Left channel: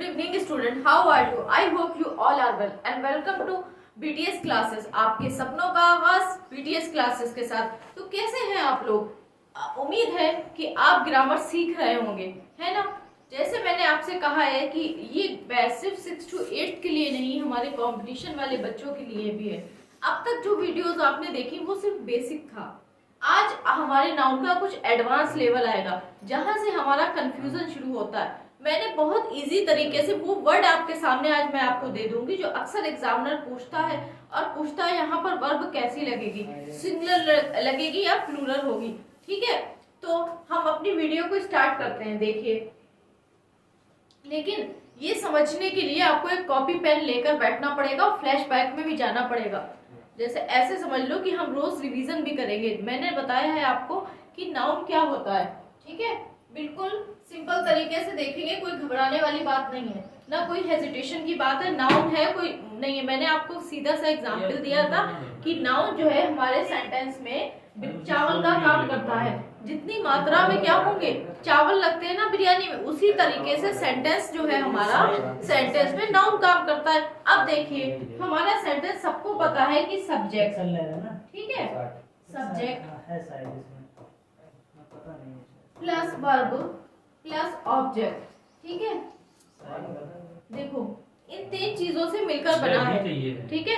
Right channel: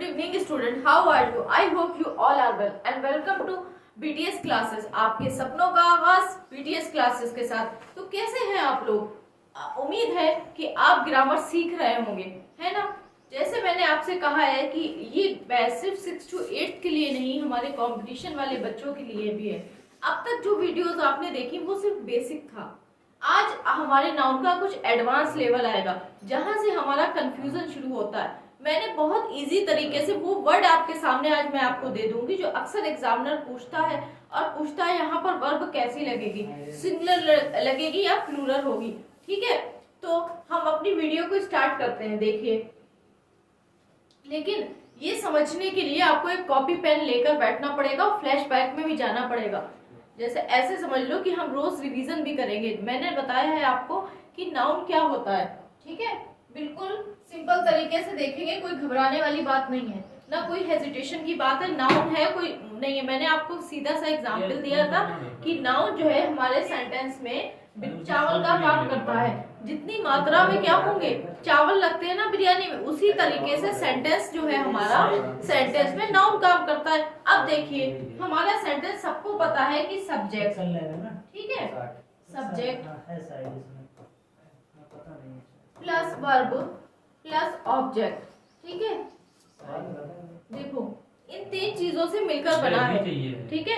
Good evening student, how are you? I hope you all are well and welcome to BTS classes. आपके सपनों का आगाज BTS classes के साथ। तो कैसे हैं आप लोग? उम्मीद है कि आप ग्रामर सीख रहे होंगे, है ना? जैसे मैंने आपसे कहा है कि ये सिर्फ 6 to 8 के लिए नहीं, हमारे कंपटीशन वाले बच्चों के लिए भी है। अब तक जो वीडियोस आपने देखी वो सिर्फ बेसिक था। आज हमारे नाउन का कुछ एडवांस लेवल आएगा जहां से हमारा कंफ्यूजन शुरू होता है। मैंने बहुत इजी तरीके से वो वर्ड आपके सामने आज मैं आपको दे दूंगी जो अक्सर एग्जामिनर पूछता है, और पूछता है यहाँ पर वर्ब कैसी लगेगी, सिंगुलर लगेगी या प्लूरल होगी। ठीक है, तो हम अपनी वीडियो को स्टार्ट करते हैं। देखिए, लेकिन ये समझने के लिए आपको एक कॉपी पेन लेकर बैठना पड़ेगा और फ्लैश बैक में भी जाना पड़ेगा। जैसे ऐसे समझ लो कि हम रोज रिवीजन भी करेंगे। मैंने बताया है आपको कि नाउन क्या होता है। ठीक है, बिल्कुल सिंपल तरीके से देखेंगे, कोई घबराने वाली बात नहीं है, ना कोई हेजिटेशन की बात है। नाउन है कोई नहीं है। मैंने आपको सीधा सा एग्जाम्पल दिया था कि नाउन जो है हमारे सेंटेंस में चावल का काम करता है। जितनी मात्रा में क्या होंगे, चावल लगते हैं ना बिरयानी में, उसी तरीके से सेंटेंस जो है हमारा, सेंटेंस में नाउन काम करता है। अब देखिए, हमारा सेंटेंस सबको पता है कि सब्जेक्ट, ठीक है, subject plus verb plus object. ठीक है, देखो इन 3 चीजों से मिलकर बना है। ठीक है,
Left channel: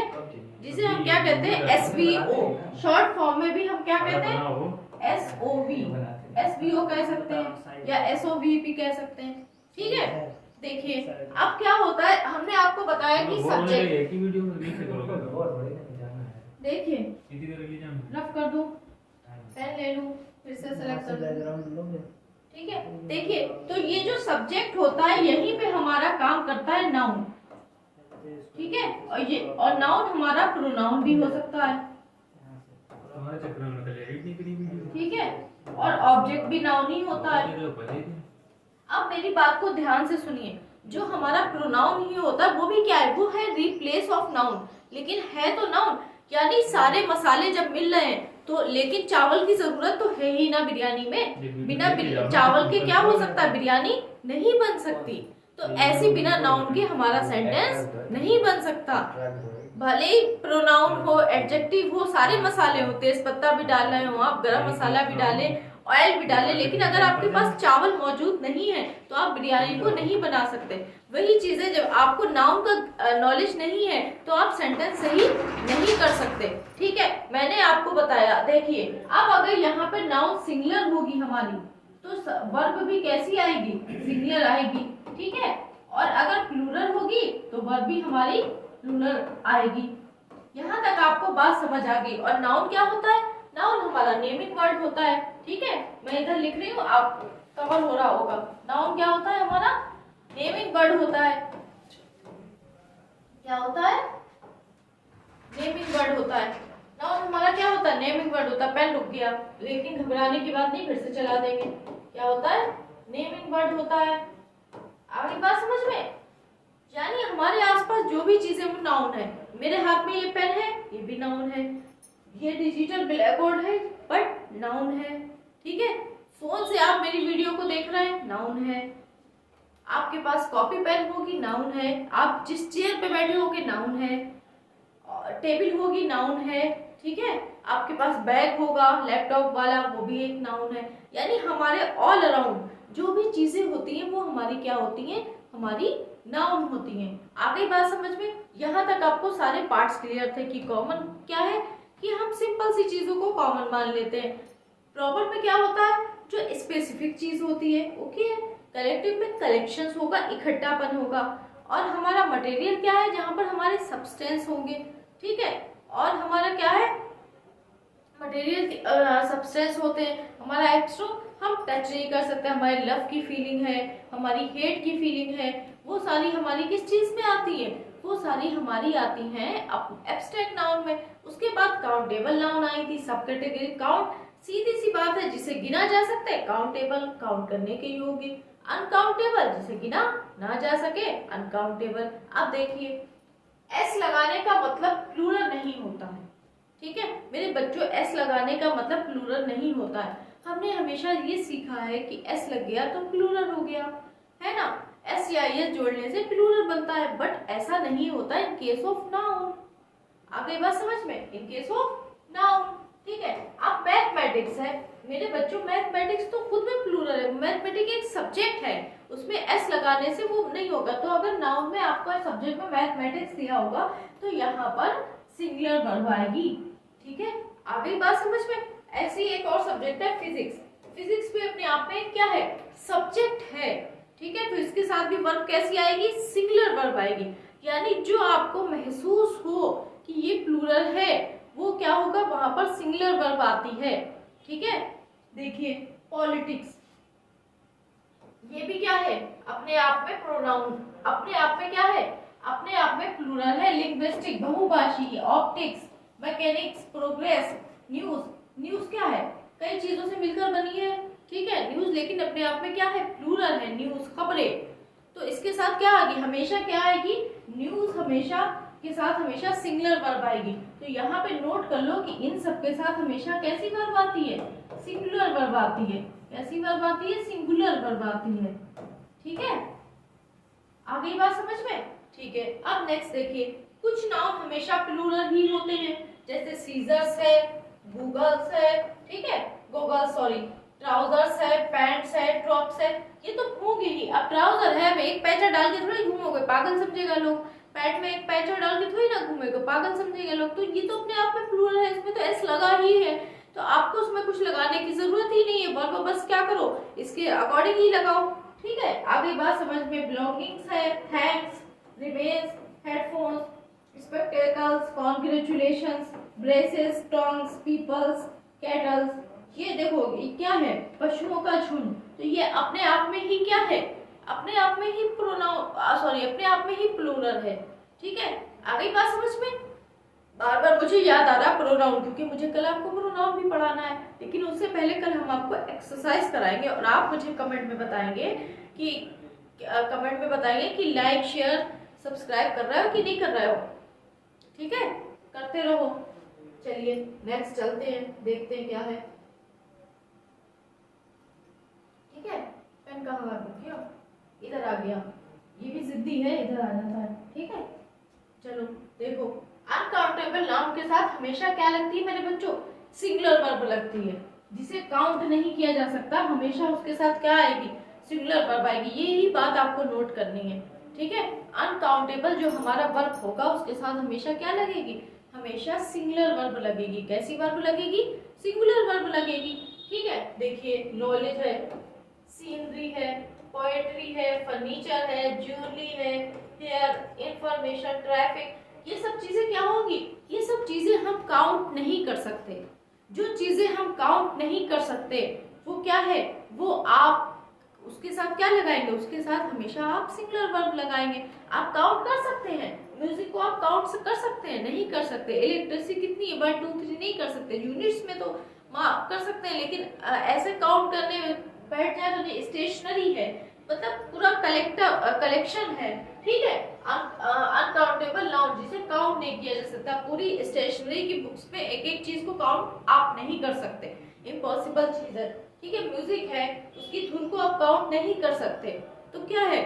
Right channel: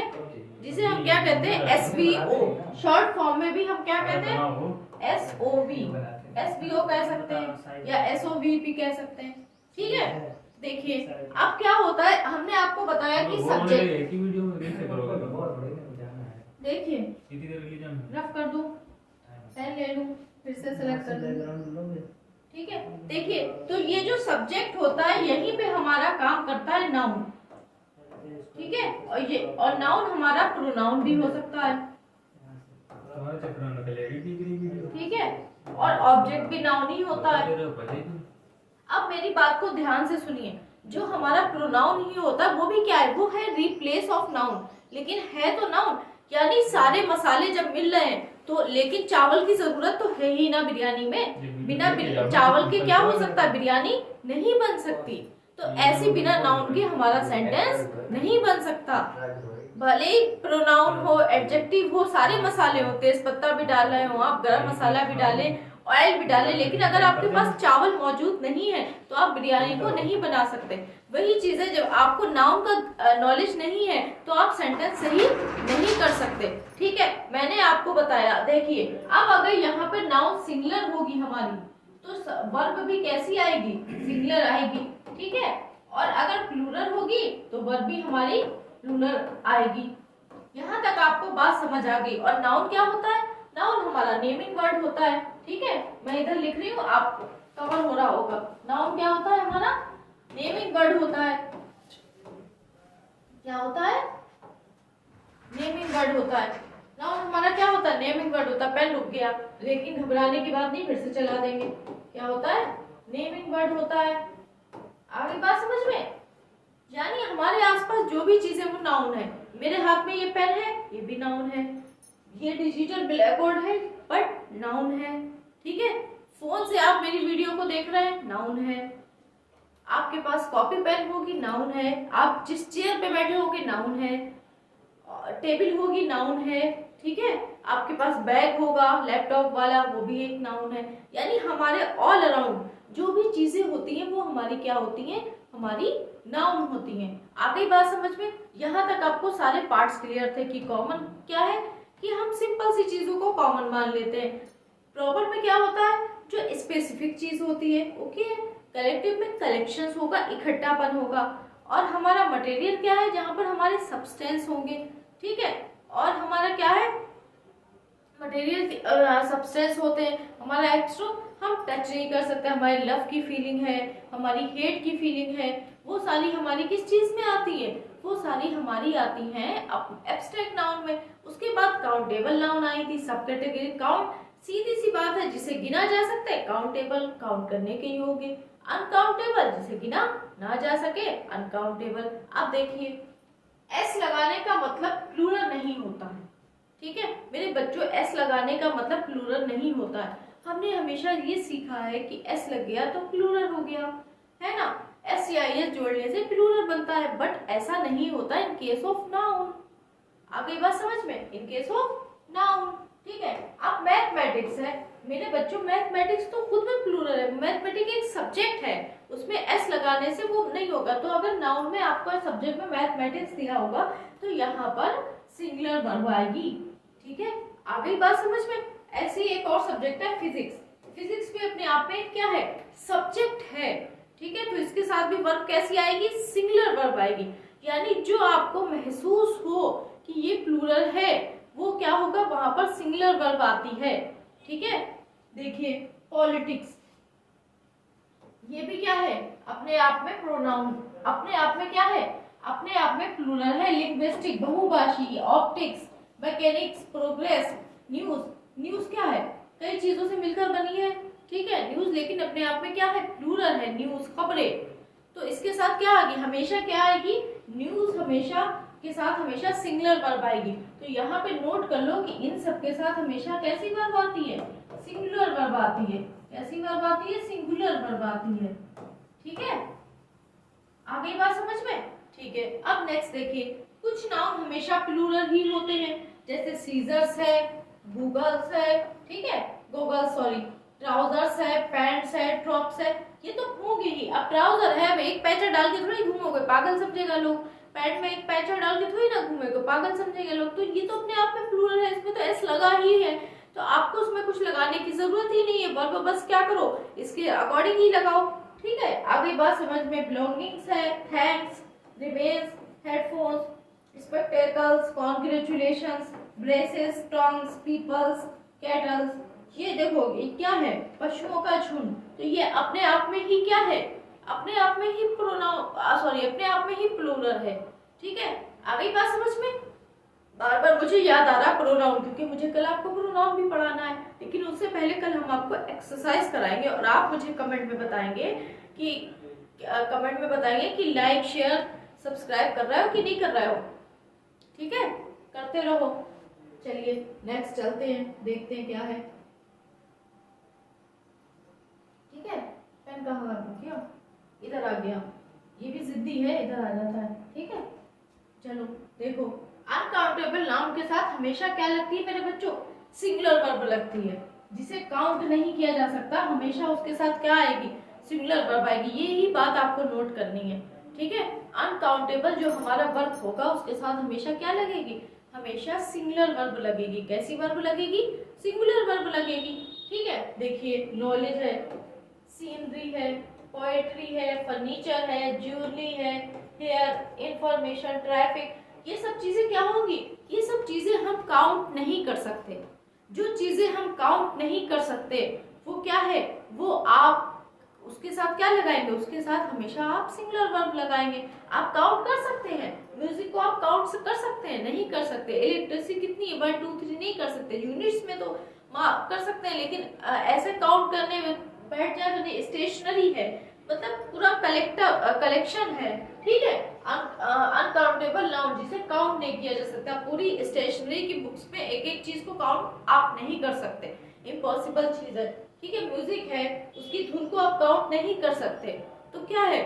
जिसे हम क्या कहते हैं, SVO। शॉर्ट फॉर्म में भी हम क्या कहते हैं, SOV, SVO कह सकते हैं या SOVP कह सकते हैं। ठीक है, देखिए अब क्या होता है, हमने आपको बताया कि सब्जेक्ट, देखिए रफ कर दूं, पेन ले लूं, फिर से सेलेक्ट कर दूं। ठीक है, देखिए तो ये जो सब्जेक्ट होता है यहीं पे हमारा काम करता है नाउन। ठीक है, और नाउन हमारा प्रोनाउन भी हो सकता है। ठीक है, और ऑब्जेक्ट भी नाउन ही होता है। अब मेरी बात को ध्यान से सुनिए, जो हमारा प्रोनाउन ही होता है वो भी क्या है, वो है रिप्लेस ऑफ नाउन, लेकिन है तो नाउन। यानी सारे मसाले जब मिल रहे हैं तो, लेकिन चावल की जरूरत तो है ही ना बिरयानी में। बिना चावल के क्या हो सकता है, बिरयानी नहीं बन सकती। तो ऐसे बिना नाउन के हमारा सेंटेंस नहीं बन सकता। भले ही प्रोनाउन हो, एडजेक्टिव हो, सारे मसाले हो, तेज पत्ता भी डाल रहे हो आप, गरम मसाला भी डालें, ऑयल भी डालें, लेकिन अगर आपके पास चावल मौजूद नहीं है तो आप बिरयानी को नहीं बना सकते। वही चीजें, जब आपको नाउन का नॉलेज नहीं है तो आप सेंटेंस सही नहीं कर सकते। ठीक है, मैंने आपको बताया। देखिए, अब अगर यहाँ पर नाउन सिंगुलर होगी हमारी तो वर्ब भी कैसी आएगी, सिंगुलर आएगी। ठीक है, और अगर प्लूरल होगी तो वर्ब भी हमारी प्लूरल आएगी। यहाँ तक आपको बात समझ आ गई। और नाउन क्या होता है, नाउन हमारा नेमिंग वर्ड होता है। ठीक है, मैं इधर लिख रही हूँ, आपको कवर हो रहा होगा। नाउन क्या होता है, हमारा नेमिंग वर्ड होता है। क्या होता है, नेमिंग वर्ड होता है। नाउन हमारा क्या होता है, नेमिंग वर्ड होता है। पेन रुक गया, लेकिन घबराने की बात नहीं, फिर से चला देंगे। क्या होता है, नेमिंग वर्ड होता है। आगे बात समझ में, यानी हमारे आसपास जो भी चीजें वो नाउन है। मेरे हाथ में ये पेन है, ये भी नाउन है। ये डिजिटल ब्लैक बोर्ड है, बट नाउन है। ठीक है, फोन से आप मेरी वीडियो को देख रहे हैं, नाउन है। आपके पास कॉपी पेन होगी, नाउन है। आप जिस चेयर पे बैठे होगे, नाउन है। टेबल होगी, नाउन है। ठीक है, आपके पास बैग होगा लैपटॉप वाला, वो भी एक नाउन है। यानी हमारे ऑल अराउंड जो भी चीजें होती हैं वो हमारी क्या होती हैं, हमारी नाउन होती हैं। आ गई बात समझ में? यहाँ तक आपको सारे पार्ट्स क्लियर थे कि कॉमन क्या है, कि हम सिंपल सी चीजों को कॉमन मान लेते हैं। प्रॉपर में क्या होता है, जो स्पेसिफिक चीज होती है। ओके, कलेक्टिव में कलेक्शंस होगा, इकट्ठापन होगा। और हमारा मटेरियल क्या है, जहां पर हमारे सब्सटेंस होंगे। ठीक है, और हमारा क्या है, मटेरियल सब्सटेंस होते हैं। हमारा एक्स्ट्रा हम टच नहीं कर सकते। हमारी लव की फीलिंग है, हमारी हेट की फीलिंग है, वो सारी हमारी किस चीज में आती है, वो सारी हमारी आती हैं एब्स्ट्रैक्ट नाउन में। उसके बाद काउंटेबल नाउन आई थी, सब कैटेगरी। काउंट सीधी सी बात है, जिसे गिना जा सकता है, काउंटेबल काउंट करने के योग्य। अनकाउंटेबल, जिसे गिना ना जा सके, अनकाउंटेबल। अब देखिए, एस लगाने का मतलब प्लूरल नहीं होता है। ठीक है मेरे बच्चों, एस लगाने का मतलब प्लूरल नहीं होता है। हमने हमेशा ये सीखा है कि एस लग गया तो प्लूरल हो गया, है ना। एस या एस जोड़ने से प्लूरल बनता है, बट ऐसा नहीं होता इन केस ऑफ नाउन। आ गई बात समझ में? इन केस ऑफ नाउन, ठीक है। अब मैथमेटिक्स है मेरे बच्चों, मैथमेटिक्स तो खुद में प्लूरल है, मैथमेटिक्स एक सब्जेक्ट है, उसमें एस लगाने से वो नहीं होगा। तो अगर नाउन में आपको सब्जेक्ट में मैथमेटिक्स दिया होगा तो यहाँ पर सिंगुलर वर्ब आएगी, ठीक है। आ गई बात समझ में? ऐसे ही एक और सब्जेक्ट है फिजिक्स। फिजिक्स भी अपने आप में क्या है? सब्जेक्ट है, ठीक है। तो इसके साथ भी वर्ब कैसी आएगी? सिंगुलर वर्ब आएगी, यानी जो आपको महसूस हो कि ये प्लूरल है वो क्या होगा? वहां पर सिंगुलर वर्ब आती है, ठीक है। देखिए पॉलिटिक्स, ये भी क्या है? अपने आप में प्रोनाउन, अपने आप में क्या है? अपने आप में प्लूरल है। लिंग्विस्टिक बहुभाषी, optics, mechanics, progress, news. News क्या है? कई चीजों से मिलकर बनी है, ठीक है न्यूज, लेकिन अपने आप में क्या है? प्लूरल है। न्यूज खबरें, तो इसके साथ क्या आएगी? हमेशा क्या आएगी? न्यूज हमेशा के साथ हमेशा सिंगुलर वर्ब आएगी। तो यहाँ पे नोट कर लो कि इन सब के साथ हमेशा कैसी वर्ब आती है? सिंगुलर वर्ब आती है। कैसी वर्ब आती है? सिंगुलर वर्ब आती है, ठीक है। आ गई बात समझ में? ठीक है। अब नेक्स्ट देखिए, कुछ नाउन हमेशा प्लूरल ही होते हैं, जैसे सीजर्स है, गूगल्स है, ठीक है, गूगल्स सॉरी, ट्राउजर्स है, पैंट्स है, टॉप्स है, ये तो होंगे ही। अब ट्राउजर है, मैं एक पैचा डाल के थोड़ी घूमोगे, पागल समझेगा लोग। पैंट में एक पैचा डाल के थोड़ी ना घूमेगा, पागल समझेगा लोग। तो ये तो अपने आप में प्लूरल है, इसमें तो एस लगा ही है, तो आपको उसमें कुछ लगाने की जरूरत ही नहीं है। वर्ब बस क्या करो? इसके अकॉर्डिंग ही लगाओ, ठीक है। आगे बात समझ में? बिलोंगिंग्स है, thanks, remains, headphones, spectacles, congratulations, braces, tongs, peoples, cattles. ये देखो ये क्या है? पशुओं का झुंड। तो ये अपने आप में ही क्या है? अपने आप में ही प्रोनाउन सॉरी अपने आप में ही प्लूरल है, ठीक है। आ गई बात समझ में? बार बार मुझे याद आ रहा प्रोनाउन, क्योंकि मुझे कल आपको प्रोनाउन भी पढ़ाना है, लेकिन उससे पहले कल हम आपको एक्सरसाइज कराएंगे और आप मुझे कमेंट में बताएंगे कि लाइक शेयर सब्सक्राइब कर रहे हो कि नहीं कर रहे हो, ठीक है। करते रहो। चलिए नेक्स्ट चलते हैं, देखते हैं क्या है, ठीक है। पेन कहाँ आ गया? इधर आ गया, ये भी जिद्दी है, इधर आ जाता है, ठीक है। चलो देखो, अनकाउंटेबल नाउन के साथ हमेशा क्या लगती है मेरे बच्चों? सिंगुलर वर्ब लगती है। जिसे काउंट नहीं किया जा सकता हमेशा उसके साथ क्या आएगी? सिंगुलर वर्ब आएगी। यही बात आपको नोट करनी है, ठीक है। अनकाउंटेबल जो हमारा वर्ब होगा उसके साथ हमेशा क्या लगेगी? हमेशा सिंगुलर वर्ब लगेगी। कैसी वर्ब लगेगी? सिंगुलर वर्ब लगेगी, ठीक है। देखिए नॉलेज है, सीनरी है, पोएट्री है, फर्नीचर है, ज्वेलरी है, हेयर, इंफॉर्मेशन, ट्रैफिक, ये सब चीजें क्या होंगी? ये सब चीजें हम काउंट नहीं कर सकते। जो चीजें हम काउंट नहीं कर सकते वो क्या है? वो आप उसके साथ क्या लगाएंगे? उसके साथ हमेशा आप सिंगुलर वर्ब लगाएंगे। आप काउंट कर सकते हैं, म्यूजिक को आप काउंट कर सकते हैं? नहीं कर सकते। इलेक्ट्रिसिटी कितनी है? 1 2 3 नहीं कर सकते। यूनिट्स में तो कर सकते हैं, लेकिन ऐसे काउंट करने में बैठ जाएगा नहीं। स्टेशनरी है, मतलब पूरा कलेक्शन है, ठीक है। अनकाउंटेबल नाउन जिसे काउंट नहीं किया जा सकता। पूरी स्टेशनरी की बुक्स में एक एक चीज को काउंट आप नहीं कर सकते, इम्पॉसिबल चीज है, ठीक है। म्यूजिक है, उसकी धुन को आप काउंट नहीं कर सकते। तो क्या है?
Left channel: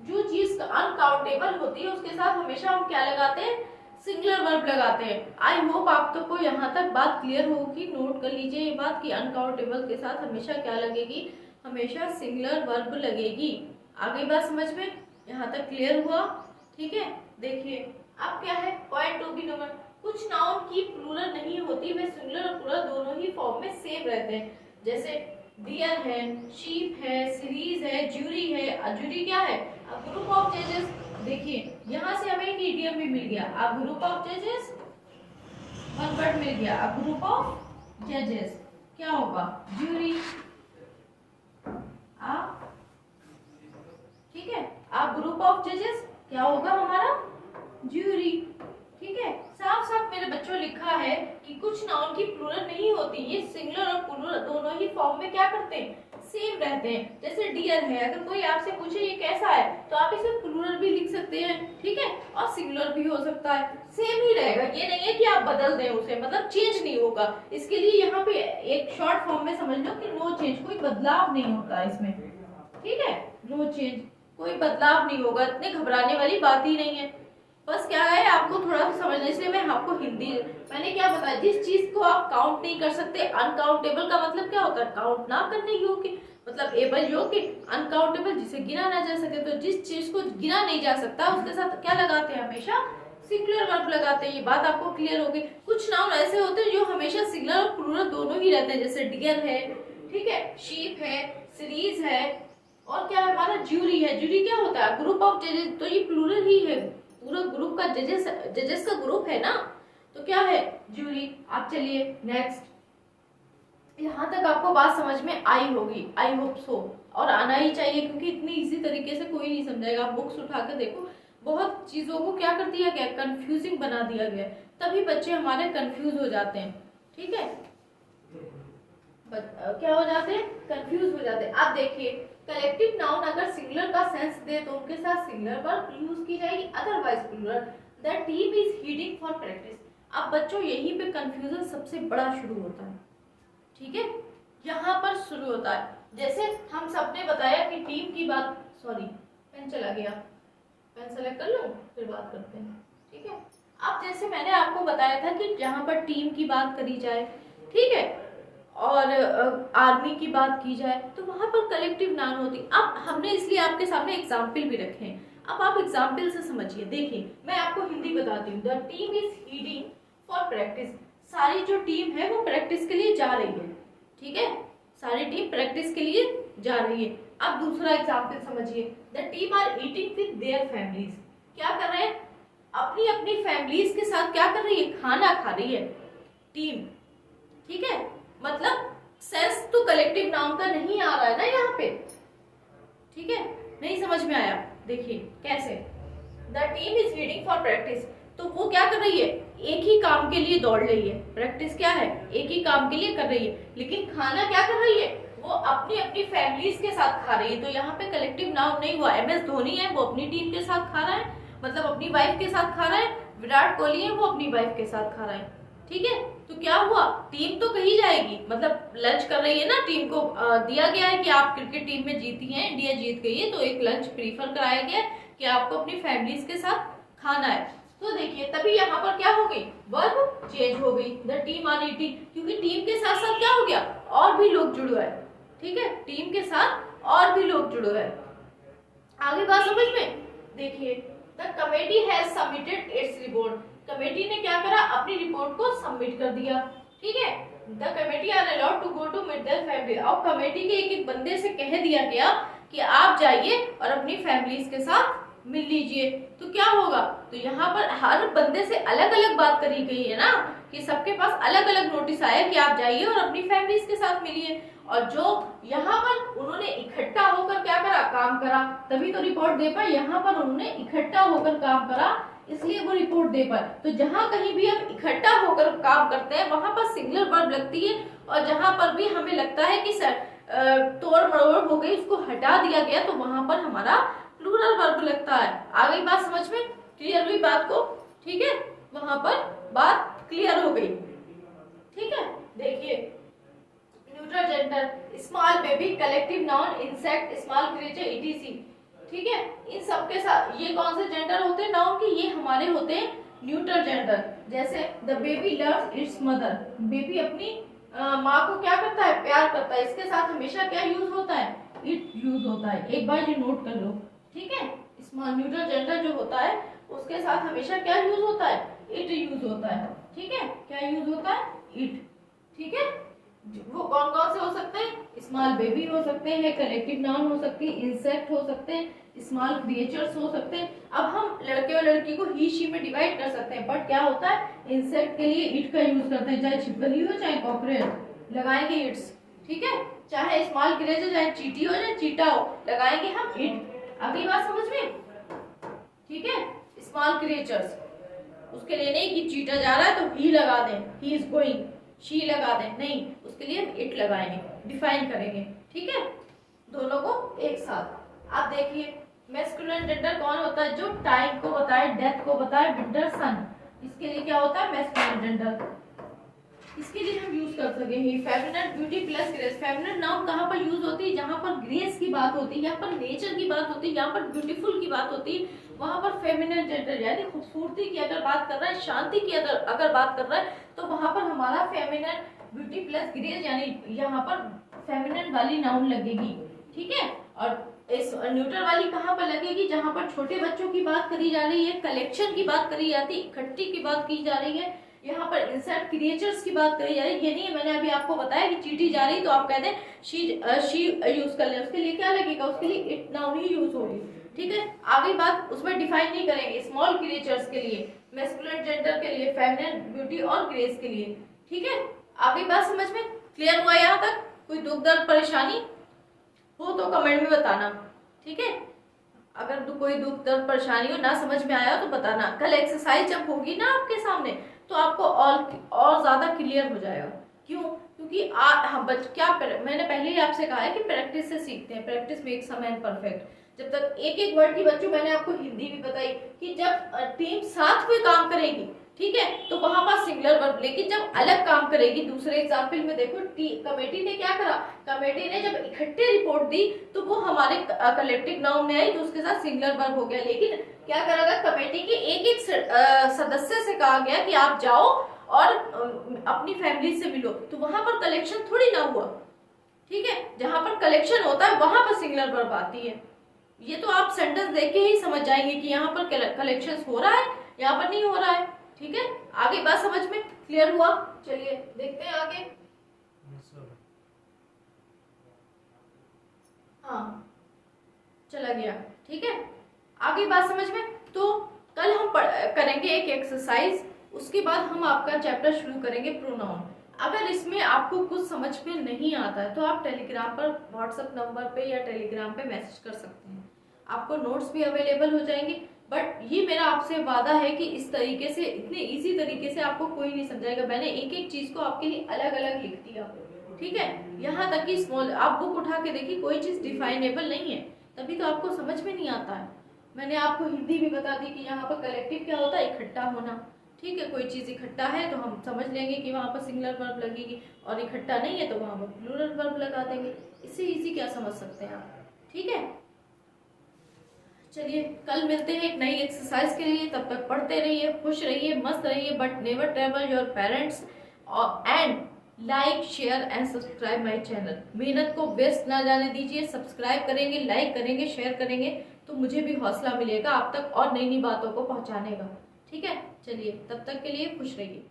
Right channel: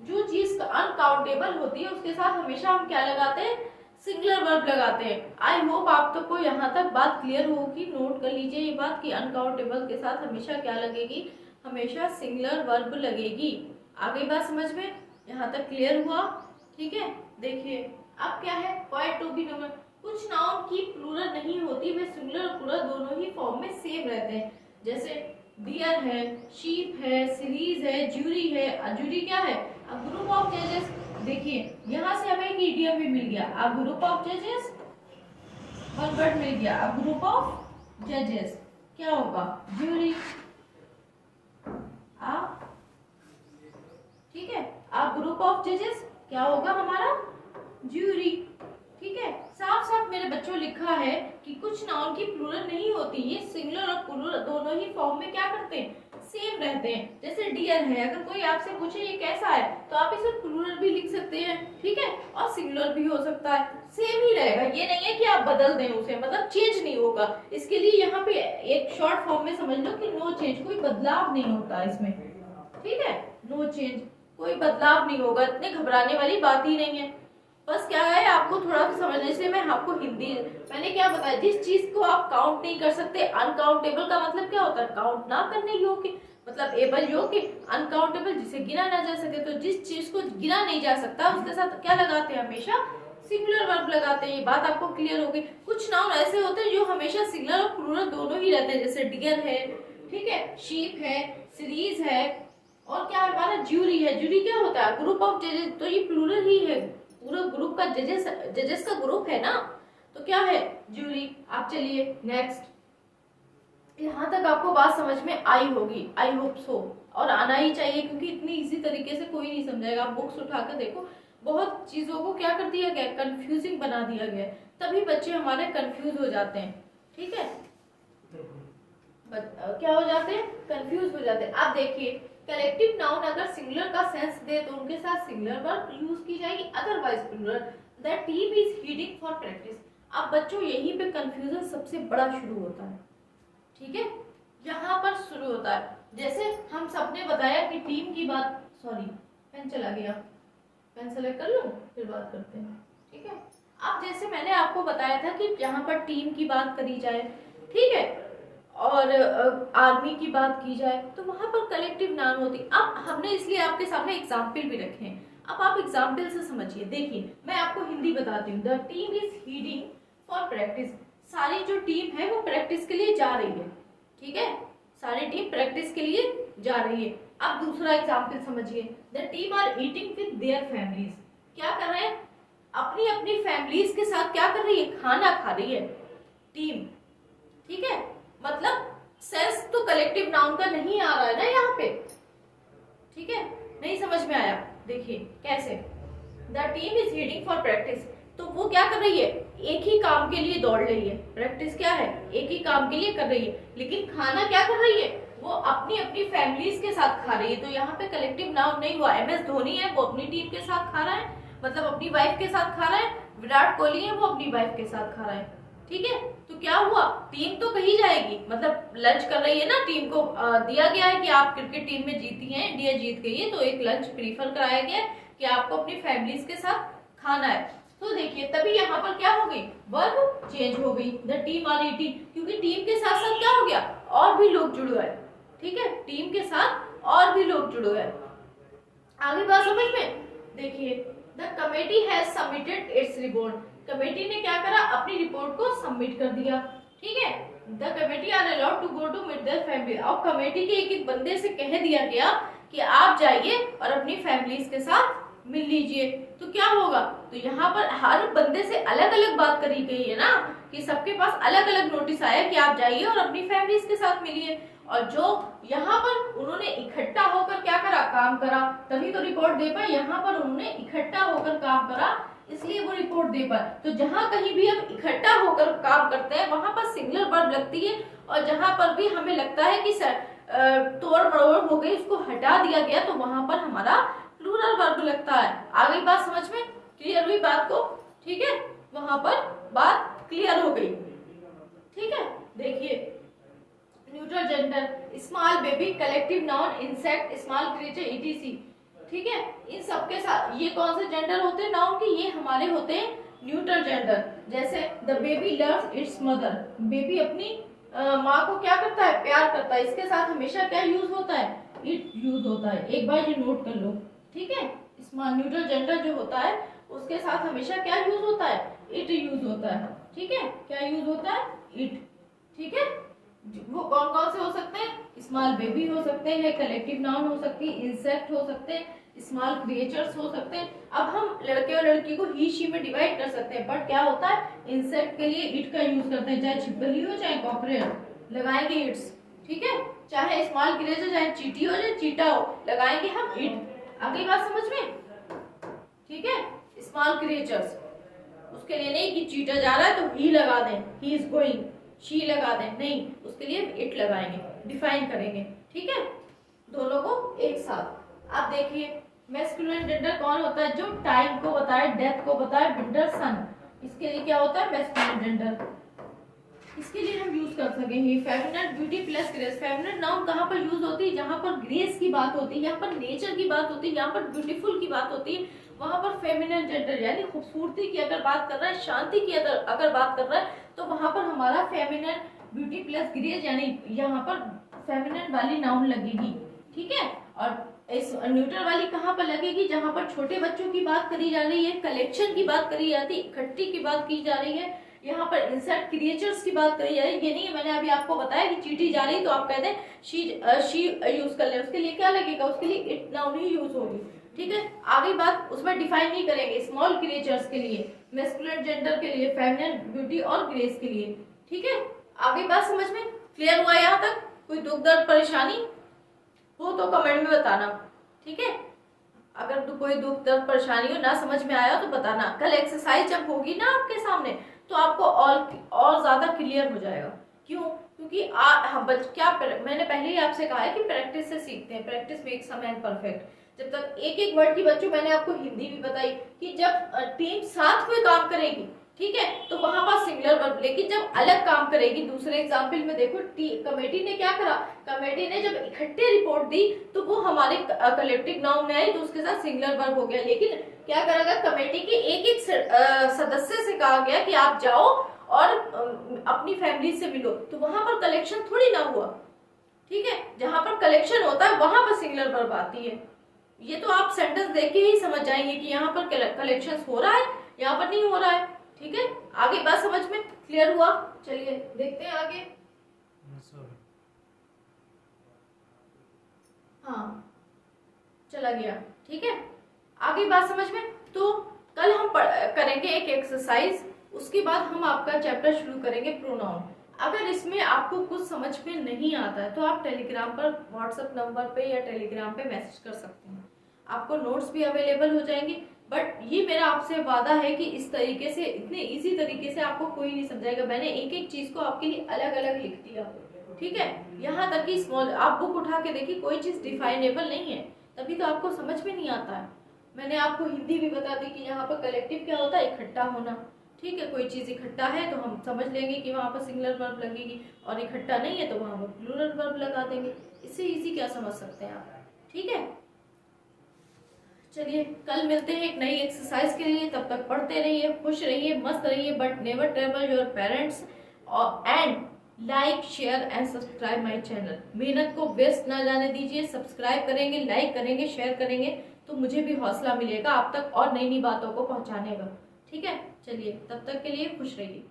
जो चीज अनकाउंटेबल होती है उसके साथ हमेशा हम क्या लगाते हैं? सिंगुलर वर्ब लगाते हैं। आई होप आप तो को यहाँ तक बात क्लियर होगी। नोट कर लीजिए ये बात कि अनकाउंटेबल के साथ हमेशा क्या लगेगी? हमेशा सिंगुलर वर्ब लगेगी। आ गई बात समझ में? यहाँ तक क्लियर हुआ, ठीक है। देखिए अब क्या है? पॉइंट टू बी नंबर, कुछ नाउन की प्लूरल नहीं होती, वे सिंगुलर और प्लूरल दोनों ही फॉर्म में सेम रहते हैं। जैसे डियर है, शीप है, सीरीज है, ज्यूरी है। ज्यूरी क्या है? अ ग्रुप ऑफ जजेस। देखिए यहाँ से हमें एक इडियम भी मिल गया, अ ग्रुप ऑफ जजेस, वन वर्ड मिल गया, अ ग्रुप ऑफ जजेस। क्या होगा? ज्यूरी। ठीक है, अ ग्रुप ऑफ जजेस क्या होगा हमारा? ज्यूरी, ठीक है। साफ साफ मेरे बच्चों लिखा है कि कुछ नाउन की प्लूरल नहीं होती, ये सिंगुलर और प्लूरल दोनों ही फॉर्म में क्या करते हैं? सेम रहते हैं। जैसे डियर है, अगर कोई आपसे पूछे ये कैसा है तो आप इसे प्लूरल भी लिख सकते हैं, ठीक है, और सिंगुलर भी हो सकता है, सेम ही रहेगा। ये नहीं है कि आप बदल दें उसे, मतलब चेंज नहीं होगा। इसके लिए यहाँ पे एक शॉर्ट फॉर्म में समझ लो कि नो चेंज, कोई बदलाव नहीं होता इसमें, ठीक है, नो चेंज। कोई बदलाव नहीं होगा, इतने घबराने वाली बात ही नहीं है। बस क्या है, आपको थोड़ा सा समझने से मैं आपको हिंदी, मैंने क्या बताया, जिस चीज को आप काउंट नहीं कर सकते, अनकाउंटेबल का मतलब क्या होता है, काउंट ना करने योग्य, मतलब एबल योग्य, अनकाउंटेबल जिसे गिना ना जा सके। तो जिस चीज को गिना नहीं जा सकता उसके साथ क्या लगाते हैं, हमेशा सिंगुलर वर्ब लगाते हैं। ये बात आपको क्लियर होगी। कुछ नाउन ऐसे होते हैं जो हमेशा सिंगुलर और प्लूरल दोनों ही रहते हैं, जैसे डियर है, ठीक है, शीप है, सीरीज है, और क्या है हमारा ज्यूरी है। ज्यूरी क्या होता है, ग्रुप ऑफ जजेस, तो ये प्लूरल ही है, पूरा ग्रुप का जजेस का ग्रुप है ना, तो क्या है, ज्यूरी। आप चलिए नेक्स्ट, यहाँ तक आपको बात समझ में आई होगी, आई होप सो, और आना ही चाहिए क्योंकि इतनी इजी तरीके से कोई नहीं समझाएगा। आप बुक्स उठाकर देखो, बहुत चीजों को क्या कर दिया गया, कंफ्यूजिंग बना दिया गया, तभी बच्चे हमारे कंफ्यूज हो जाते हैं, ठीक है, क्या हो जाते हैं, कंफ्यूज हो जाते हैं। आप देखिए, कलेक्टिव नाउन अगर सिंगुलर का सेंस दे तो उनके साथ सिंगुलर वर्ब यूज की जाएगी, otherwise plural. The team is heading for practice. अब बच्चों यहीं पे कंफ्यूजन सबसे बड़ा शुरू होता है, ठीक है, यहाँ पर शुरू होता है। जैसे हम सबने बताया कि टीम की बात, सॉरी पेन चला गया, पेन सेलेक्ट कर लूं फिर बात करते हैं, ठीक है। अब जैसे मैंने आपको बताया था कि जहाँ पर टीम की बात करी जाए, ठीक है, और आर्मी की बात की जाए तो वहां पर कलेक्टिव नाउन होती। अब हमने इसलिए आपके सामने एग्जाम्पल भी रखे हैं, अब आप एग्जाम्पल से समझिए। देखिए मैं आपको हिंदी बताती हूँ। The team is heading for practice. सारी जो टीम है वो प्रैक्टिस के लिए जा रही है, ठीक है, सारी टीम प्रैक्टिस के लिए जा रही है। अब दूसरा एग्जाम्पल समझिए। The team are eating with their families. क्या कर रहे हैं, अपनी अपनी फैमिलीज के साथ क्या कर रही है, खाना खा रही है टीम, ठीक है। मतलब सेंस तो कलेक्टिव नाउन का नहीं आ रहा है ना यहाँ पे, ठीक है, नहीं समझ में आया। देखिए कैसे, the team is heading for practice, तो वो क्या कर रही है, एक ही काम के लिए दौड़ रही है। प्रैक्टिस क्या है, एक ही काम के लिए कर रही है, लेकिन खाना क्या कर रही है, वो अपनी अपनी फैमिलीज के साथ खा रही है। तो यहाँ पे कलेक्टिव नाउन नहीं हुआ। MS धोनी है वो अपनी टीम के साथ खा रहा है, मतलब अपनी वाइफ के साथ खा रहा है। विराट कोहली है वो अपनी वाइफ के साथ खा रहा है, ठीक है। तो क्या हुआ, टीम तो कही जाएगी, मतलब लंच कर रही है ना, टीम को दिया गया है कि आप क्रिकेट टीम में जीती हैं, इंडिया जीत गई है, तो एक लंच प्रीफर कराया गया कि आपको अपनी फैमिलीज के साथ खाना है। तो देखिए तभी यहाँ पर क्या हो गई, वर्ब चेंज हो गई। द टीम आर ईटिंग, क्योंकि टीम के साथ साथ क्या हो गया, और भी लोग जुड़े हैं, ठीक है, टीम के साथ और भी लोग जुड़े हैं। आगे बात समझ में, देखिए the committee has submitted its report. Committee ने क्या करा, अपनी रिपोर्ट को सबमिट कर दिया, ठीक है। The committee are allowed to go to meet their family. और कमेटी के एक एक बंदे से कह दिया गया कि आप जाइए और अपनी फैमिलीज के साथ मिल लीजिए। तो क्या होगा, तो यहाँ पर हर बंदे से अलग अलग बात करी गई है ना, कि सबके पास अलग अलग नोटिस आया कि आप जाइए और अपनी फैमिलीज के साथ मिलिए। और जो यहाँ पर उन्होंने इकट्ठा होकर क्या करा, काम करा, तभी तो रिपोर्ट दे पाए। यहाँ पर उन्होंने इकट्ठा होकर काम करा, इसलिए वो रिपोर्ट दे पाए। तो जहां कहीं भी हम इकट्ठा होकर काम करते हैं वहां पर सिंगुलर वर्ब लगती है, और जहां पर भी हमें लगता है कि तोड़ मरोड़ हो गई, उसको हटा दिया गया, तो वहां पर हमारा प्लूरल वर्ब लगता है। आ गई बात समझ में, क्लियर हुई बात को, ठीक है, वहां पर बात क्लियर हो गई, ठीक है। देखिए neutral gender, small baby, collective noun, insect, small creature, ETC, ठीक है। इन सबके साथ ये कौन से जेंडर होते हैं नाउन के, ये हमारे होते हैं न्यूट्रल जेंडर। जैसे the baby loves it's mother, baby अपनी माँ को क्या करता है, प्यार करता है। इसके साथ हमेशा क्या यूज होता है, इट यूज होता है। एक बार ये नोट कर लो, ठीक है। स्मॉल न्यूट्रल जेंडर जो होता है उसके साथ हमेशा क्या यूज होता है, इट यूज होता है, ठीक है। क्या यूज होता है, इट, ठीक है। वो कौन कौन से हो सकते हैं, स्मॉल बेबी हो सकते हैं, कलेक्टिव नाउन हो सकती है, इंसेक्ट हो सकते हैं, स्मॉल क्रिएचर्स हो सकते हैं। अब हम लड़के और लड़की को ही शी में डिवाइड कर सकते हैं, बट क्या होता है, इंसेक्ट के लिए इट का यूज करते हैं, चाहे छिपकली हो चाहे कॉकरेल, लगाएंगे इट्स, ठीक है। चाहे स्मॉल क्रिएचर, चाहे चींटी हो चाहे चीटा हो, लगाएंगे हम इट। अगली बात समझ में, ठीक है। स्मॉल क्रिएचर्स, उसके लिए नहीं कि चीटा जा रहा है तो ही लगा दें, ही इज गोइंग, शी लगा दें, नहीं, उसके लिए हम इट लगाएंगे, डिफाइन करेंगे, ठीक है, दोनों को एक साथ। आप देखिए मैस्कुलिन जेंडर कौन होता है, जो टाइम को बताए, डेथ को बताए, विंटर सन, इसके लिए क्या होता है मैस्कुलिन जेंडर, इसके लिए हम यूज कर सकेंगे feminine beauty plus grace. Feminine noun कहाँ पर यूज होती है? जहाँ पर ग्रेस की बात होती है, यहाँ पर नेचर की बात होती है, यहाँ पर ब्यूटीफुल की बात होती है, वहां पर फेमिनिन जेंडर यानी खूबसूरती की अगर बात कर रहा है, शांति की अगर बात कर रहा है, तो वहां पर हमारा फेमिनिन ब्यूटी प्लस ग्रेस यानी यहाँ पर फेमिनिन वाली नाउन लगेगी। ठीक है, और इस न्यूट्रल वाली कहाँ पर लगेगी? जहां पर छोटे बच्चों की बात करी जा रही है, कलेक्शन की बात करी जाती है, इकट्ठी की बात की जा रही है, यहाँ पर इंसेक्ट क्रिएचर्स की बात करी जा रही है। ये नहीं है मैंने अभी आपको बताया कि चींटी जा रही तो आप कहते हैं शी यूज कर ले, उसके लिए क्या लगेगा? उसके लिए इट नाउन ही यूज होगी। ठीक है, आगे बात उसमें डिफाइन नहीं करेंगे। स्मॉल क्रिएचर्स के लिए, मैस्कुलिन जेंडर के लिए, फेमिनिन ब्यूटी और ग्रेस के लिए। ठीक है, आगे बात समझ में क्लियर हुआ? यहाँ तक कोई दुख दर्द परेशानी हो तो कमेंट में बताना। ठीक है, अगर तो कोई दुख दर्द परेशानी हो, ना समझ में आया तो बताना। कल एक्सरसाइज जब होगी ना आपके सामने तो आपको और ज्यादा क्लियर हो जाएगा। क्यों? क्योंकि हम क्या मैंने पहले ही आपसे कहा है कि प्रैक्टिस से सीखते हैं, practice makes a man perfect. जब तक एक एक वर्ड की बच्चों, मैंने आपको हिंदी भी बताई कि जब टीम साथ कोई काम करेगी, ठीक है, तो वहां पर सिंगुलर वर्ब, लेकिन जब अलग काम करेगी, दूसरे एग्जाम्पल में देखो, कमेटी ने क्या करा? कमेटी ने जब इकट्ठे रिपोर्ट दी तो वो हमारे कलेक्टिव नाउन में आई, तो उसके साथ सिंगुलर वर्ब हो गया। लेकिन क्या करा? कमेटी के एक एक सदस्य से कहा गया कि आप जाओ और अपनी फैमिली से मिलो, तो वहां पर कलेक्शन थोड़ी ना हुआ। ठीक है, जहां पर कलेक्शन होता है वहां पर सिंगुलर वर्ब आती है। ये तो आप सेंटेंस देख के ही समझ जाएंगे कि यहाँ पर कलेक्शन हो रहा है, यहाँ पर नहीं हो रहा है। ठीक है, आगे बात समझ में क्लियर हुआ? चलिए देखते हैं आगे। हाँ, चला गया। ठीक है, आगे बात समझ में। तो कल हम करेंगे एक एक्सरसाइज, उसके बाद हम आपका चैप्टर शुरू करेंगे प्रोनाउन। अगर इसमें आपको कुछ समझ में नहीं आता है तो आप टेलीग्राम पर, व्हाट्सएप नंबर पे या टेलीग्राम पे मैसेज कर सकते हैं, आपको नोट्स भी अवेलेबल हो जाएंगे। बट ये मेरा आपसे वादा है कि इस तरीके से, इतने इजी तरीके से आपको कोई नहीं समझाएगा। मैंने एक एक चीज को आपके लिए अलग अलग लिख दिया। ठीक है, यहाँ तक कि स्मॉल, आप बुक उठा के देखिए, कोई चीज डिफाइनेबल नहीं है, तभी तो आपको समझ में नहीं आता है। मैंने आपको हिंदी भी बता दी कि यहाँ पर कलेक्टिव क्या होता है? इकट्ठा होना। ठीक है, कोई चीज इकट्ठा है तो हम समझ लेंगे कि वहां पर सिंगुलर वर्ब लगेगी, और इकट्ठा नहीं है तो वहां पर प्लूरल वर्ब लगा देंगे। इससे इजी क्या समझ सकते हैं आप? ठीक है, चलिए कल मिलते हैं एक नई एक्सरसाइज के लिए। तब तक पढ़ते रहिए, खुश रहिए, मस्त रहिए, but never trouble your parents, and like, share and subscribe my channel. मेहनत को वेस्ट ना जाने दीजिए, सब्सक्राइब करेंगे, लाइक करेंगे, शेयर करेंगे तो मुझे भी हौसला मिलेगा आप तक और नई नई बातों को पहुंचाने का। ठीक है, चलिए तब तक के लिए खुश रहिए।